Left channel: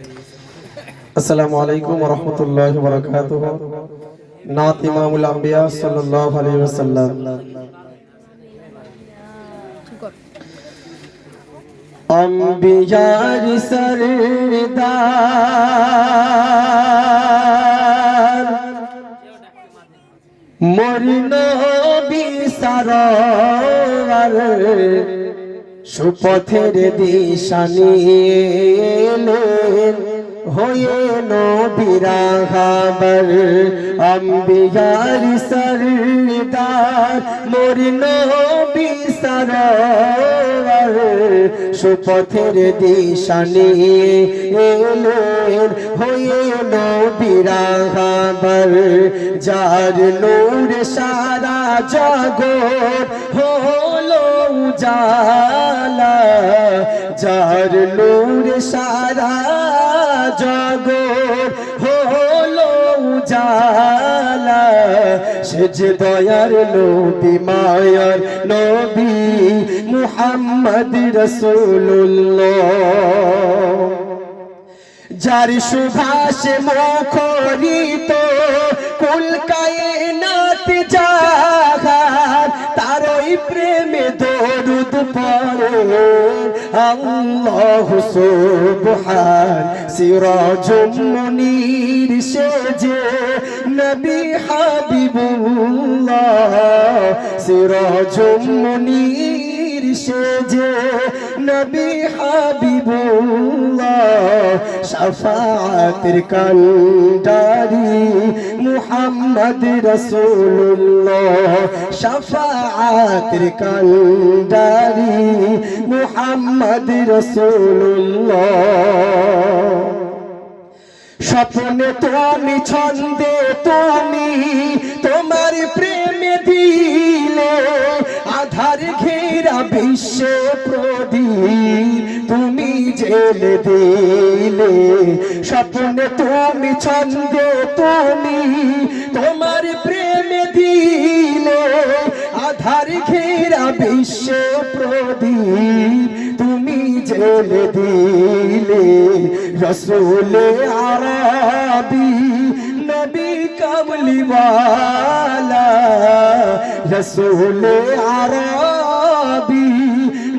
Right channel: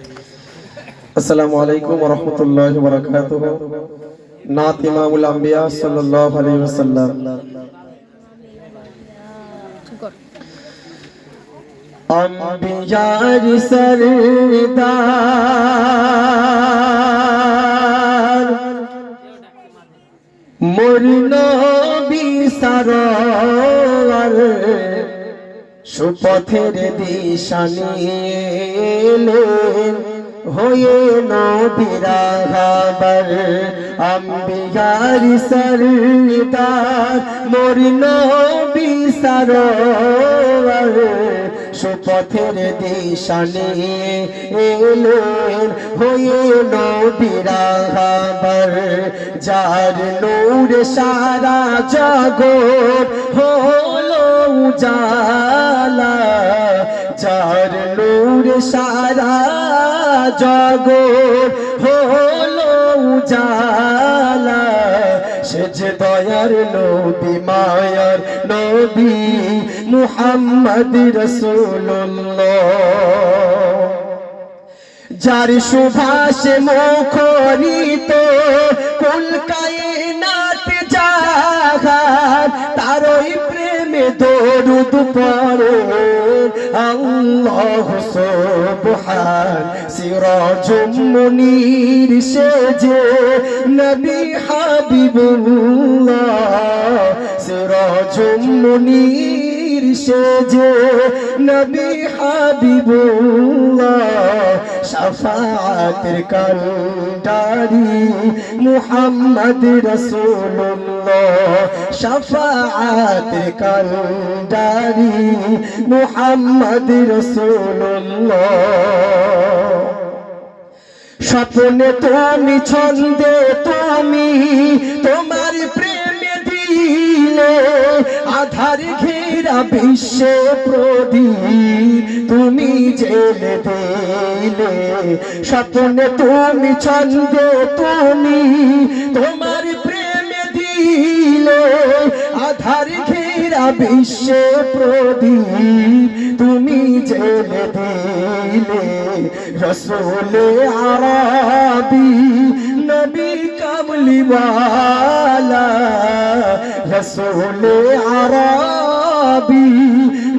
अस्सलामु अलैकुम व रहमतुल्लाहि व बरकातुहू। नात इमामुल अंबिया सल्लल्लाहु अलैहि वसल्लम। अंबियार सरदार मोर नबी सरवर সুপথের দিশা নিয়ে এলেন হয়ে নবীর রাহবার আম্বিয়ার সরদার মোর নবী সরওয়ার সুপথের দিশা নিয়ে এলেন হয়ে নবীর রাহবার যার নূরে সারা জগৎ উজালা যার নূরে সারা জগৎ হলো উজালা সে যে দয়ার নবী মায়ার নবী মুহাম্মদ রাসূলুল্লাহ যার সুভাষে মুখরিত কুল কায়নাত জাহান তারই প্রেমে দরুদ পড়ে আল্লাহু সুবহান সিরাজুম মুনীর সেজে নবী হাবিবুল্লাহ সিরাজুম মুনীর সেজে নবী হাবিবুল্লাহ শাফাআতের কান্ডারি মুহাম্মদ রাসূলুল্লাহ শাফাআতের কান্ডারি মুহাম্মদ রাসূলুল্লাহ স্বপ্নে তুমি ছন্দে তুমি তোমার প্রেমে দিলে আধার ঘেরা বিশ্বে প্রদীপ তুমি জেলে দিলে স্বপ্নে তুমি ছন্দে তুমি তোমার প্রেমে দিলে আধার ঘেরা বিশ্বে প্রদীপ তুমি জেলে দিলে রসূলে আরবি নবী কামলিওয়ালা রসূলে আরবি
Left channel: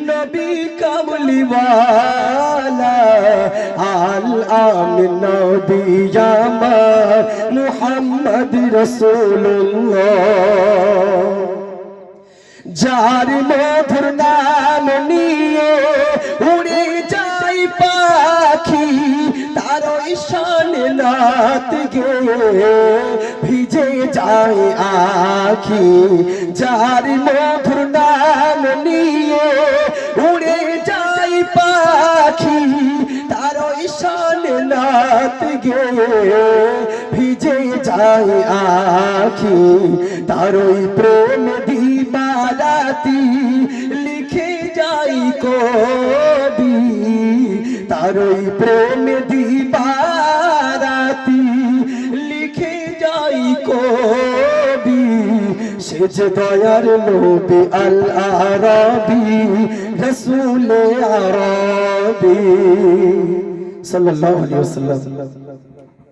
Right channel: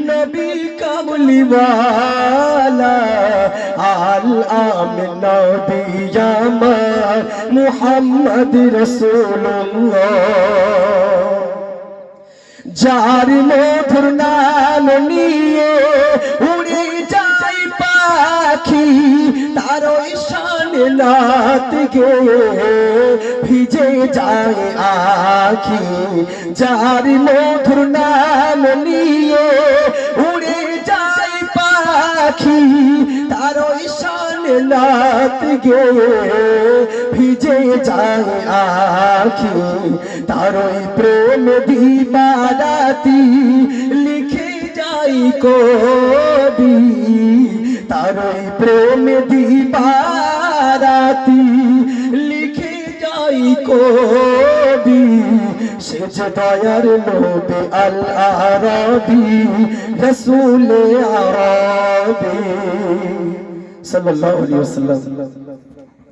নবী কামলিওয়ালা আল আমিন নবী আমার মুহাম্মদ রাসূলুল্লাহ যার মধুর নাম নিয়ে উড়ে যায় পাখি তার শানে নাত গেয়ে ভিজে যায় আখি যার মধুর নাম নিয়ে উড়ে যায় পাখি তার শানে নাত গেয়ে ভিজে যায় আখি তারই প্রেম দিবারাতি লিখে যাই কবি তারই প্রেম দিবারাতি লিখে যাই কবি সে যে দয়ার নবী আল আরবি রাসূলে আরবি সাল্লাল্লাহু আলাইহি ওয়াসাল্লাম।